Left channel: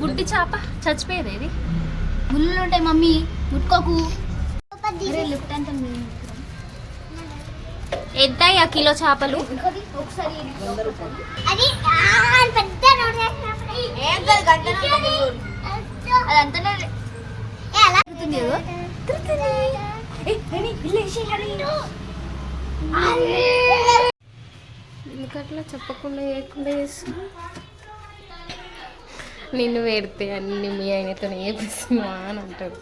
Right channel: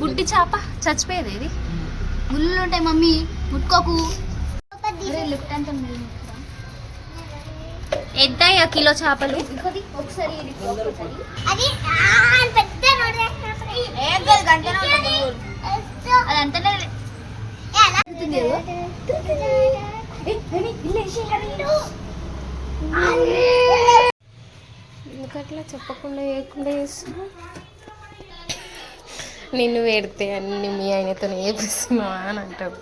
గుడ్డి చేప చచ్చిపోయేది ఇది. ముళ్ళు ఉంటాయి మమ్మీ, ముట్టుకోకు. లిఫ్ట్ అంతా ఎంత కిలో చేపలు? ఒకసారి అదంతా ఎందుకట్లా చెప్పకుండా చేయకుండా చేస్తున్నా? నిన్ను పెడితే అన్ని మీ ఆయనతో చేపిస్తున్నావా అని అంటారు.